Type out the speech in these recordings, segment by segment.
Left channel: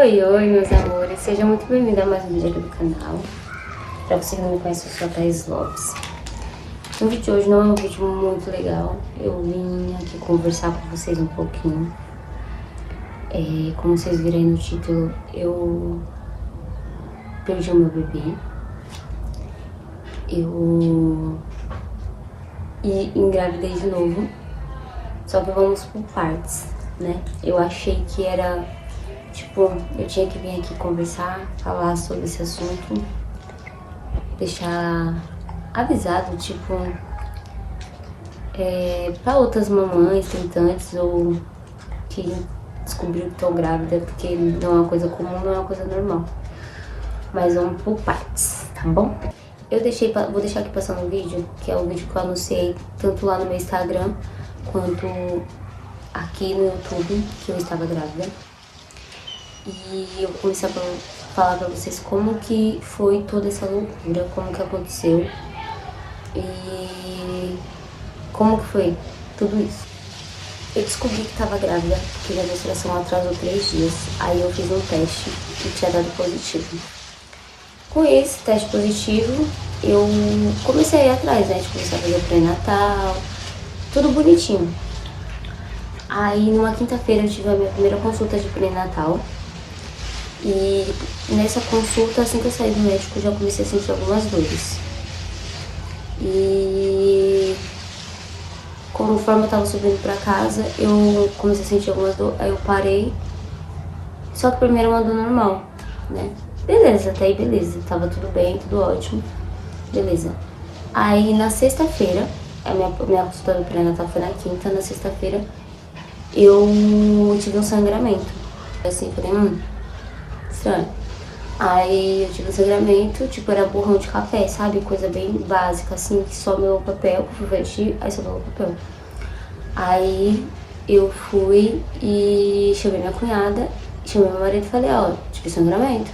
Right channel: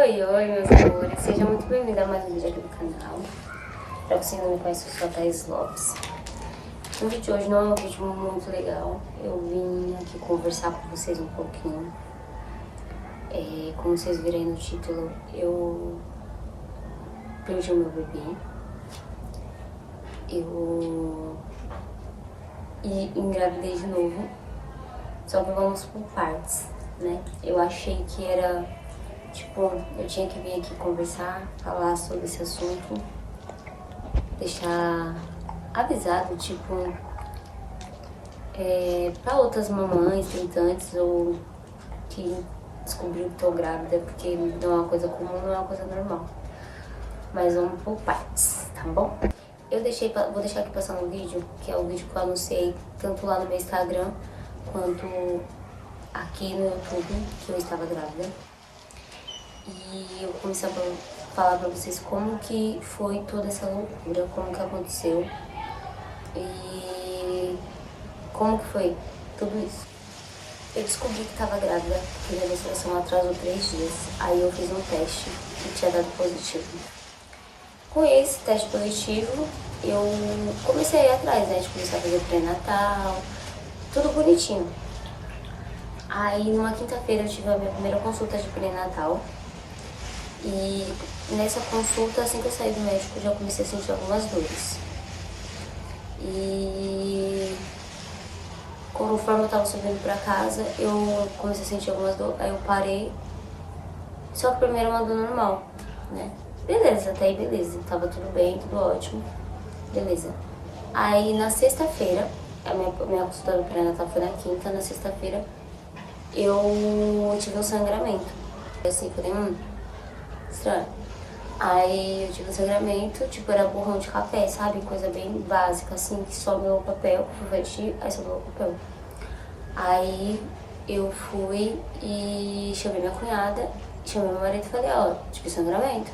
Oi, oi, meus amores. Seja muito bem-vindo a mais um vídeo aqui do canal. Pra você que não me conhece, eu sou a Thaís Lopes. O vídeo de hoje não é um vídeo muito legal. Eu vim aqui conversar com vocês um pouquinho. Como vocês viram aí no título, eu perdi o meu bebê. E engravidei de novo. Só que vamos por partes, né? Eu achei que era... Tipo, eu tinha que vir aqui conversar, falar sobre esse assunto, deixar avisado, tipo, pra outras mamães, tentantes ou que descobriu que estão grávida, porque não é uma coisa comum, não é uma coisa normal. Mas vamos por partes, tá bom? Vou deixar aqui passando um vídeo, que é o vídeo que eu anunciei tanto lá no meu Instagram, quanto aqui no YouTube, que eu estava grávida. E eu vou começar a falar pra vocês como que foi toda essa loucura, como que aconteceu e como que foi tudo isso. Eu descobri que tava grávida porque minha menstruação atrasou 3 dias, aí eu fiz um teste e tinha dado positivo. Com esse teste positivo, eu comecei a ir atrás, né, de começar a fazer o pré-natal, tudo bonitinho. Aí numa quinta-feira eu tive a minha primeira consulta de pré-natal. E nessa consulta, assim que eu saí do médico, eu já comecei a sentir algumas dores. E conforme eu tava subindo pra casa, eu comecei a sentir algumas dores, aí eu parei. Só que primeiro uma dor normal, né? Beleza, até aí beleza, tava tudo bem, tudo ótimo. Beleza. Aí na sexta-feira, a minha consulta do pré-natal foi na quinta, na sexta-feira eu tive um sangramento. Assim, falei, estranho. Aí eu tive um sangramento, tipo, era borrão de café, sabe? Coisa bem básica, assim, que some o papel, que eu fui vestir, aí sobrou o papel. Aí eu fui e chamei minha cunhada, chamei meu marido e falei, ó, tive sangramento.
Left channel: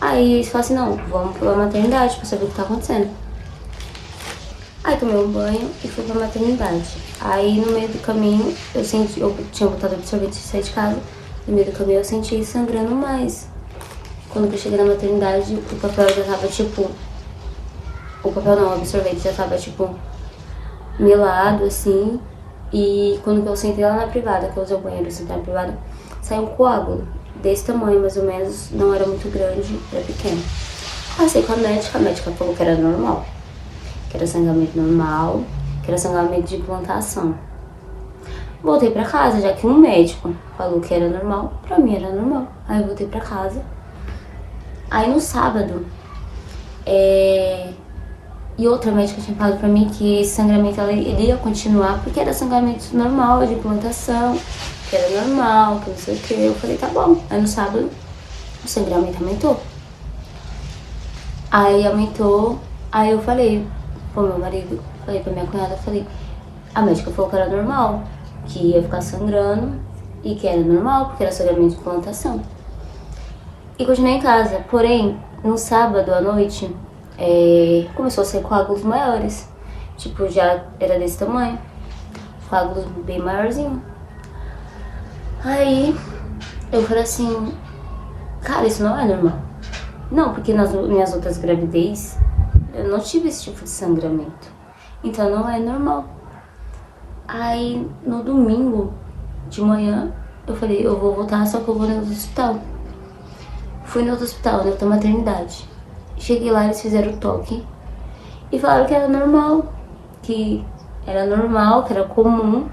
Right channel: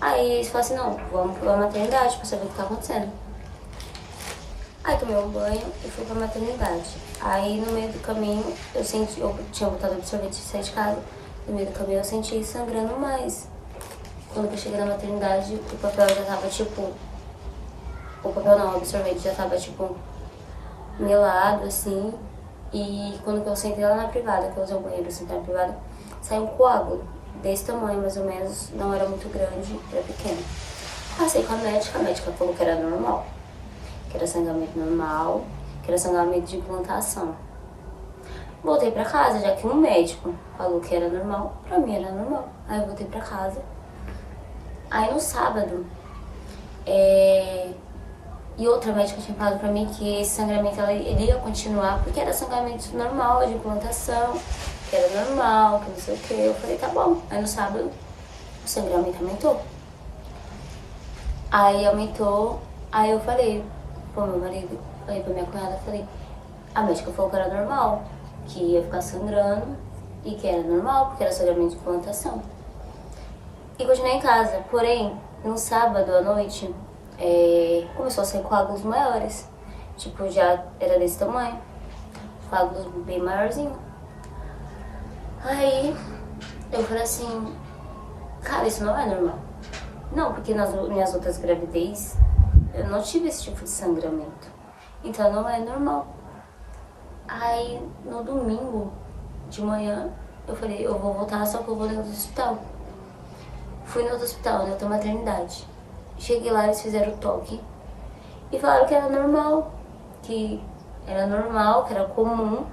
Aí eles falaram assim, não, vamos pra maternidade pra saber o que tá acontecendo. Aí tomei um banho e fui pra maternidade. Aí no meio do caminho, eu tinha botado absorvente e saí de casa. No meio do caminho eu senti sangrando mais. Quando eu cheguei na maternidade, o papel já tava tipo... O papel não, o absorvente já tava tipo... melado, assim. E quando eu sentei lá na privada, que eu usei o banheiro, sentei na privada, saiu um coágulo. Desse tamanho, mais ou menos, não era muito grande, era pequeno. Passei com a médica falou que era normal. Que era sangramento normal, que era sangramento de implantação. Voltei pra casa, já que um médico falou que era normal, pra mim era normal. Aí eu voltei pra casa. Aí no sábado, e outra médica tinha falado pra mim que esse sangramento ele ia continuar, porque era sangramento normal, de implantação, que era normal, que não sei o que. Eu falei, tá bom. Aí no sábado, o sangramento aumentou. Aí aumentou, aí eu falei pro meu marido, falei pra minha cunhada, falei, a médica falou que era normal, que ia ficar sangrando e que era normal, porque era sangramento de implantação. E continuei em casa, porém, no sábado à noite, começou a ser coágulos maiores. Tipo, já era desse tamanho, coágulos bem maiorzinho. Aí, eu falei assim, cara, isso não é normal. Não, porque nas minhas outras gravidez, eu não tive esse tipo de sangramento. Então não é normal. Aí, no domingo de manhã, eu falei, eu vou voltar, só que eu vou no hospital. Fui no outro hospital, na outra maternidade. Cheguei lá, eles fizeram o toque e falaram que era normal, que era comum.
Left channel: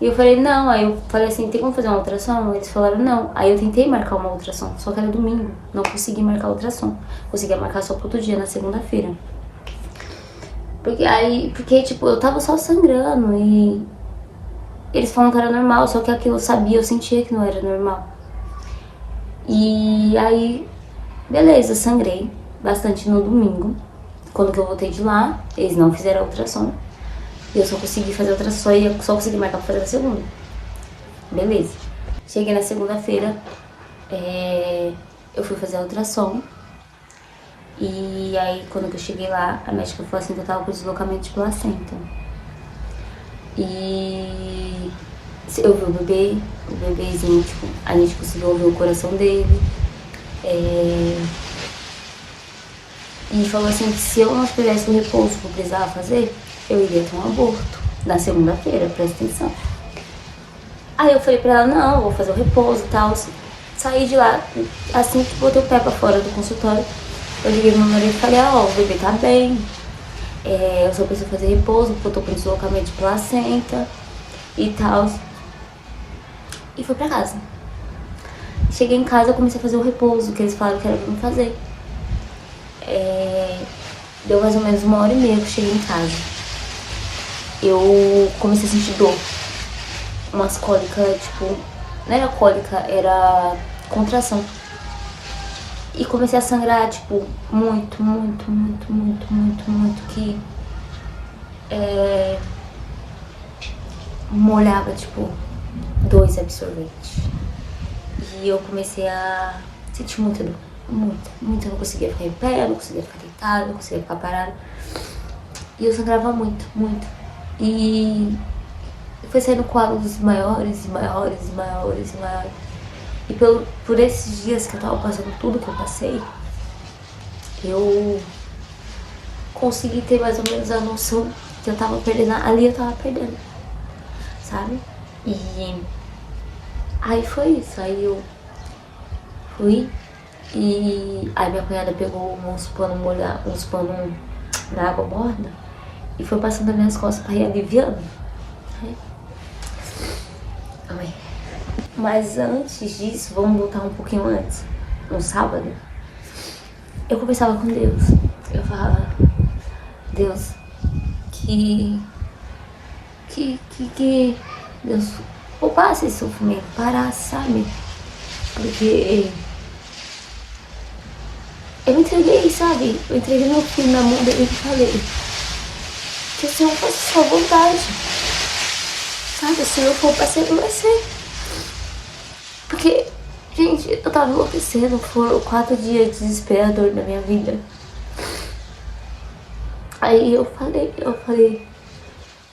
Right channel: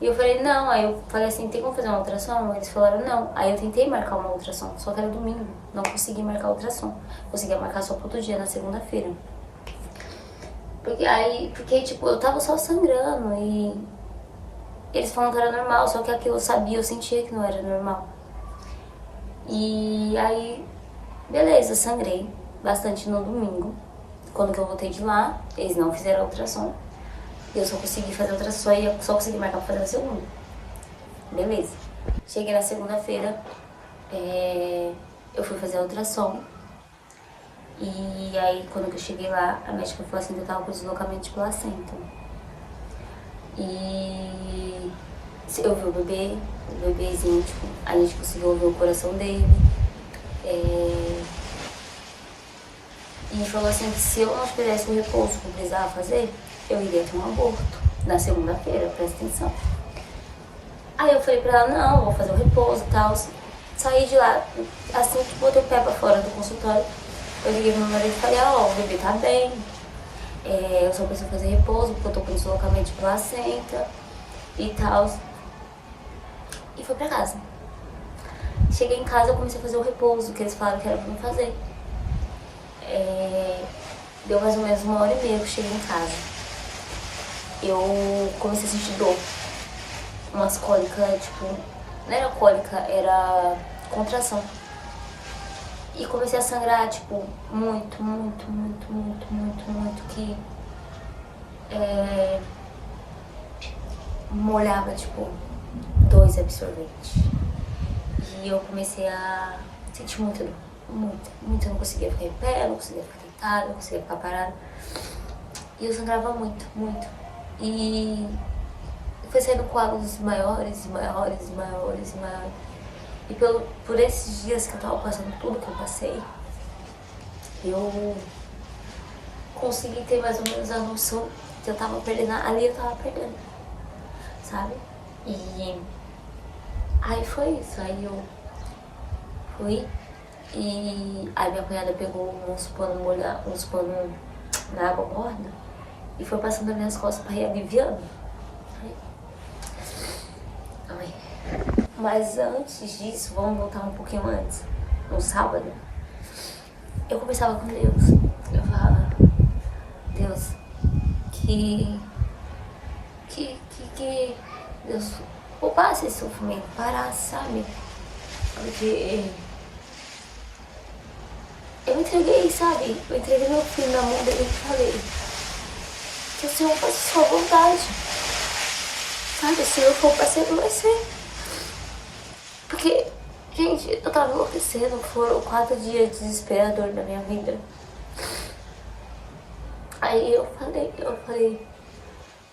E eu falei, não. Aí eu falei assim, tem como fazer uma ultrassom? Eles falaram, não. Aí eu tentei marcar uma ultrassom, só que era domingo. Não consegui marcar a ultrassom. Consegui marcar só pro outro dia, na segunda-feira. Porque, tipo, eu tava só sangrando e eles falaram que era normal, só que aquilo eu sabia, eu sentia que não era normal. E aí, beleza, sangrei bastante no domingo. Quando que eu voltei de lá, eles não fizeram a ultrassom. Eu só consegui fazer a ultrassom e eu só consegui marcar pra fazer na segunda. Beleza. Cheguei na segunda-feira, eu fui fazer a ultrassom. E aí, quando que eu cheguei lá, a médica falou assim que eu tava com deslocamento de placenta. E Eu vi o bebezinho, tipo, a gente conseguiu ouvir o coração dele. E falou assim que se eu não fizesse o repouso que eu precisava fazer, eu iria ter um aborto na segunda-feira, presta atenção. Aí eu falei pra ela, não, eu vou fazer o repouso e tal. Saí de lá, assim que botei o pé pra fora do consultório, eu liguei pro meu marido e falei, ó, o bebê tá bem. Eu só preciso fazer repouso, porque eu tô com deslocamento de placenta e tal. E fui pra casa. Cheguei em casa, eu comecei a fazer o repouso, que eles falaram que era pra me fazer. Deu mais ou menos 1h30 que eu cheguei em casa. Eu comecei a sentir dor. Umas cólicas, tipo, não era cólica, era contração. E comecei a sangrar, tipo, muito, que molhava, tipo, 2 absorventes. E eu comecei a sentir muita dor. Muito. Eu não conseguia ficar em pé, eu não conseguia ficar deitada, não conseguia ficar parada. E eu sangrava muito. E foi saindo coágulos maiores. E por esses dias que eu tava passando tudo que eu passei, eu consegui ter mais ou menos a noção que eu tava perdendo. Ali eu tava perdendo, sabe? E aí foi isso. Aí eu fui e aí minha cunhada pegou uns panos na água morna e foi passando nas minhas costas pra ir aliviando. Ai. Mas antes disso, vamos voltar um pouquinho antes. No sábado, eu conversava com Deus. Eu falava, Deus, que Deus poupasse esse sofrimento, parasse, sabe? Porque eu me entreguei, sabe? Eu entreguei meu filho na mão dele e falei que o Senhor faça sua vontade. Sabe? Se não for pra ser, não vai ser. Porque, gente, eu tava enlouquecendo. Foram 4 dias desesperadores na minha vida. Aí eu falei,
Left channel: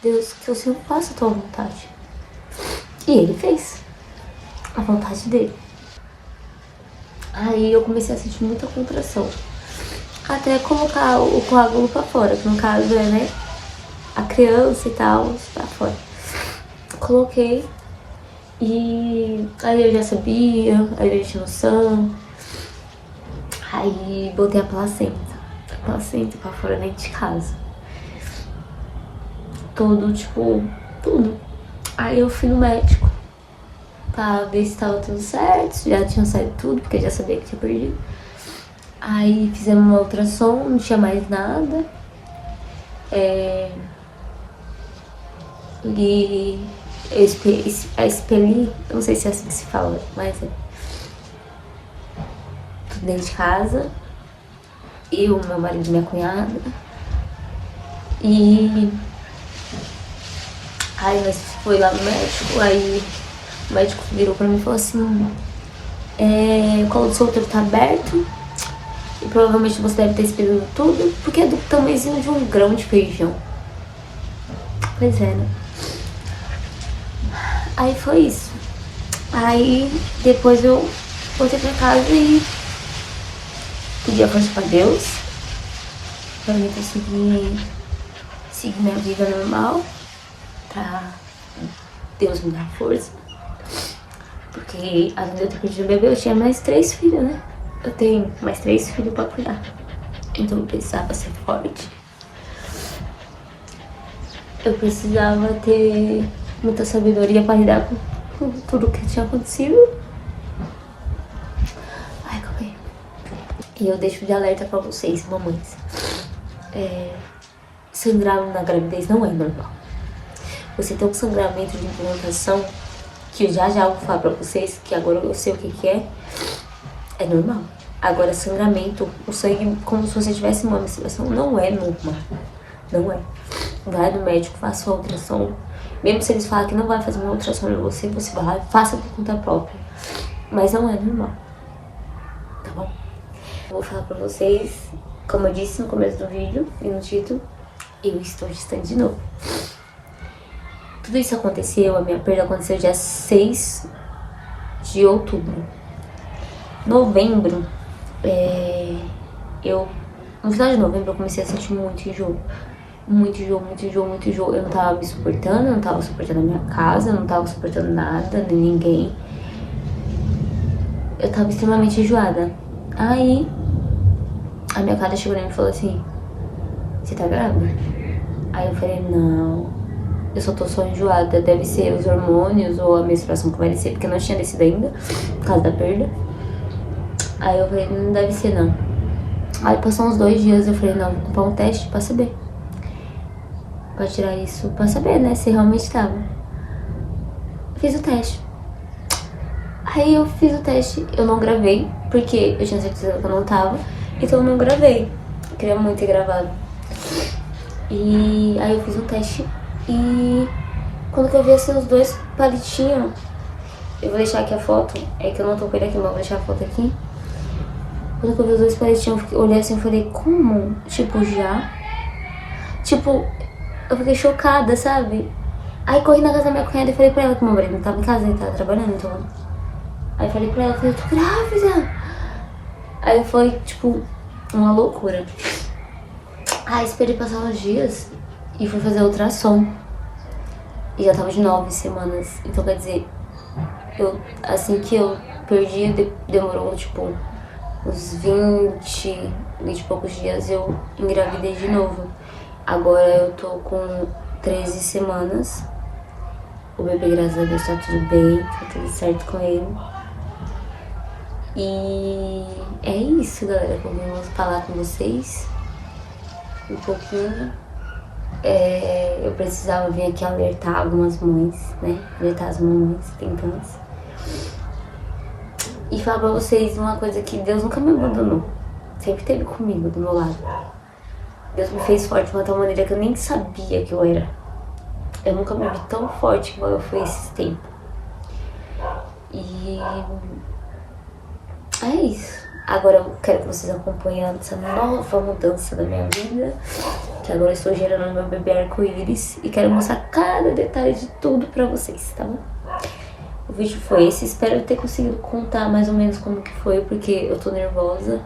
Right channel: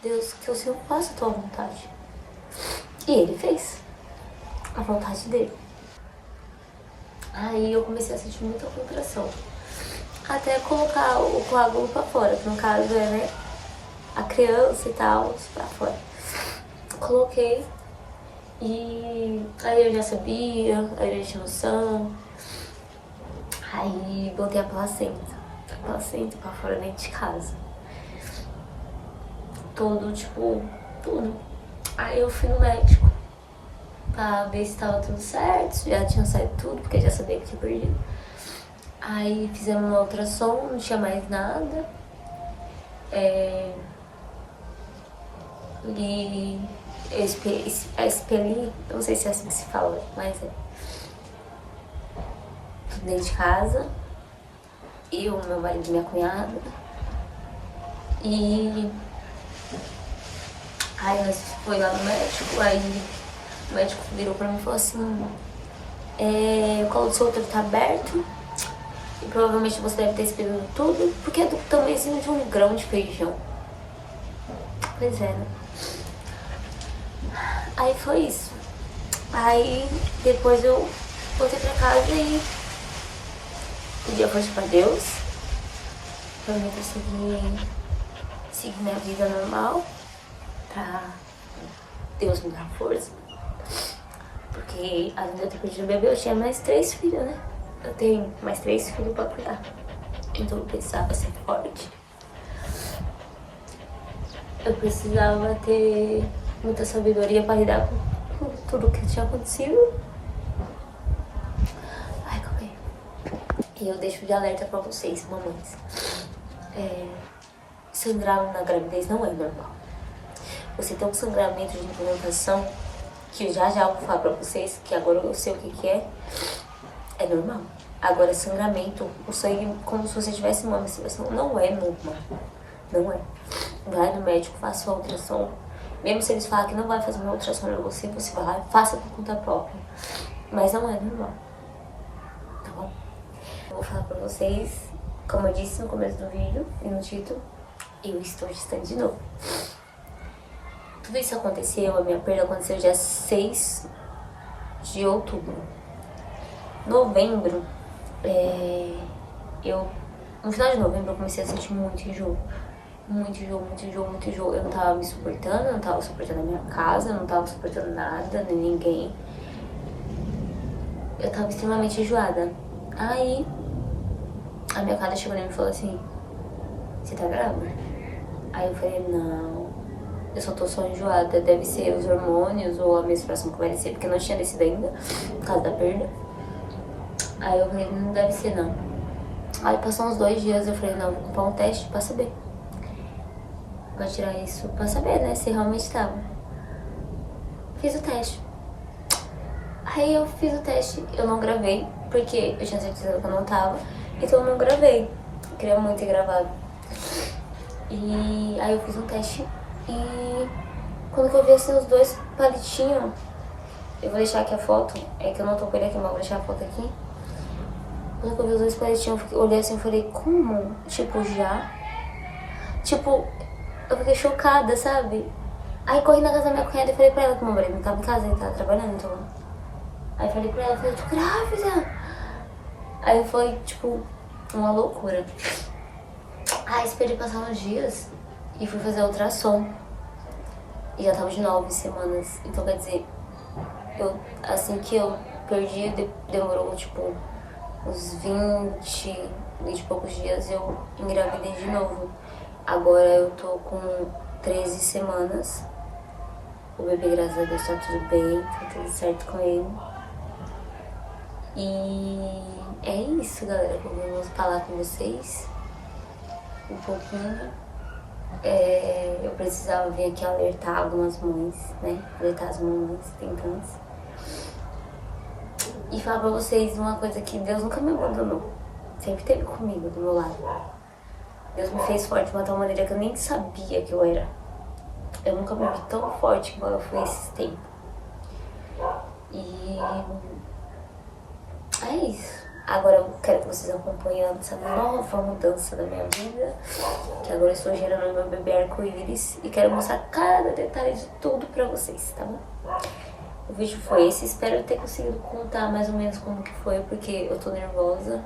Deus, que o Senhor faça a tua vontade. E ele fez a vontade dele. Aí eu comecei a sentir muita contração. Até colocar o coágulo pra fora, que no caso é, né, a criança e tal, pra fora. Coloquei. E aí eu já sabia, aí eu tinha noção. Aí botei a placenta pra fora dentro de casa. Tudo. Aí eu fui no médico pra ver se tava tudo certo, já tinha saído tudo, porque já sabia que tinha perdido. Aí fizemos uma ultrassom, não tinha mais nada. E eu expeli, eu não sei se é assim que se fala, mas é tudo dentro de casa. Eu, meu marido e minha cunhada. E aí nós foi lá no médico, aí o médico virou pra mim e falou assim, o colo do seu útero tá aberto e provavelmente você deve ter expelido tudo, porque é do tamanhozinho de um grão de feijão. Pois é, né? Aí foi isso. Aí depois eu voltei pra casa e pedi a força pra Deus, pra mim conseguir seguir minha vida normal, pra Deus me dar força. Porque além de eu ter perdido o bebê, eu tinha mais 3 filhos, né? Eu tenho mais 3 filhos pra cuidar. Então eu precisava ser forte. Eu precisava ter muita sabedoria pra lidar com tudo que tinha acontecido. Ai, calma aí. E eu deixo de alerta pra vocês, mamães. Sangrar na gravidez não é normal. Você tem um sangramento de implantação, que eu já vou falar pra vocês, que agora eu sei o que é normal. Agora, sangramento, o sangue como se você tivesse uma menstruação, não é normal. Não é. Vai no médico, faça uma ultrassom. Mesmo se eles falarem que não vai fazer uma ultrassom em você, você vai lá e faça por conta própria. Mas não é normal. Tá bom? Eu vou falar pra vocês, como eu disse no começo do vídeo e no título, eu estou gestante de novo. Tudo isso aconteceu, a minha perda aconteceu dia 6 de outubro. Novembro, no final de novembro eu comecei a sentir muito enjoo. Muito enjoo, muito enjoo, muito enjoo. Eu não tava me suportando, eu não tava suportando a minha casa, eu não tava suportando nada, nem ninguém. Eu tava extremamente enjoada. Aí, a minha cara chegou em mim e falou assim: você tá grávida? Aí eu falei: não, eu só enjoada. Deve ser os hormônios ou a menstruação que vai descer, porque eu não tinha descido ainda, por causa da perda. Aí eu falei: não deve ser não. Aí passou uns 2 dias, eu falei: não, vou comprar um teste pra saber. Pra tirar isso, pra saber, né, se realmente tava. Fiz o teste. Aí eu fiz o teste, eu não gravei, porque eu tinha certeza que eu não tava, então eu não gravei. Eu queria muito ter gravado. E aí eu fiz um teste e quando que eu vi assim os 2 palitinhos, eu vou deixar aqui a foto, é que eu não tô com ele aqui, mas eu vou deixar a foto aqui. Quando que eu vi os 2 palitinhos, eu olhei assim e falei: como? Tipo, já? Tipo, eu fiquei chocada, sabe? Aí corri na casa da minha cunhada e falei pra ela que meu marido não tava em casa, ele tava trabalhando, então. Aí falei pra ela, falei: eu tô grávida. Aí foi, tipo, uma loucura. Aí esperei passar uns dias e fui fazer ultrassom. E já tava de 9 semanas. Então, quer dizer, assim que eu perdi, demorou, tipo, uns 20 e poucos dias, eu engravidei de novo. Agora eu tô com 13 semanas. O bebê, graças a Deus, tá tudo bem, tá tudo certo com ele. E é isso, galera, que eu vim falar com vocês um pouquinho. Eu precisava vir aqui alertar algumas mães, né? Alertar as mamães tentantes. E falar pra vocês uma coisa: que Deus nunca me abandonou. Sempre esteve comigo, do meu lado. Deus me fez forte de uma tal maneira que eu nem sabia que eu era. Eu nunca me vi tão forte como eu fui esses tempos. E é isso. Agora eu quero que vocês acompanhem essa nova mudança da minha vida, que agora eu estou gerando meu bebê arco-íris e quero mostrar cada detalhe de tudo pra vocês, tá bom? O vídeo foi esse, espero ter conseguido contar mais ou menos como que foi, porque eu tô nervosa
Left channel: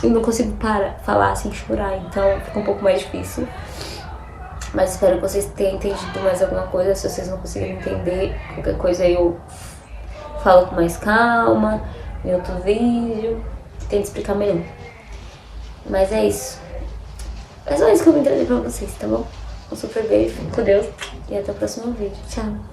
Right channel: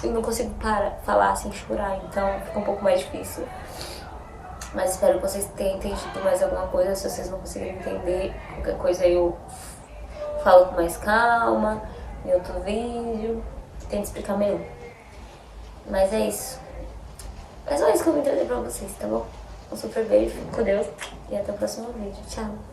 e não consigo falar sem chorar, então fica um pouco mais difícil. Mas espero que vocês tenham entendido mais alguma coisa. Se vocês não conseguirem entender qualquer coisa, eu falo com mais calma em outro vídeo, tento explicar melhor. Mas é isso. É só isso que eu vim trazer pra vocês, tá bom? Um super beijo, fique com Deus e até o próximo vídeo. Tchau!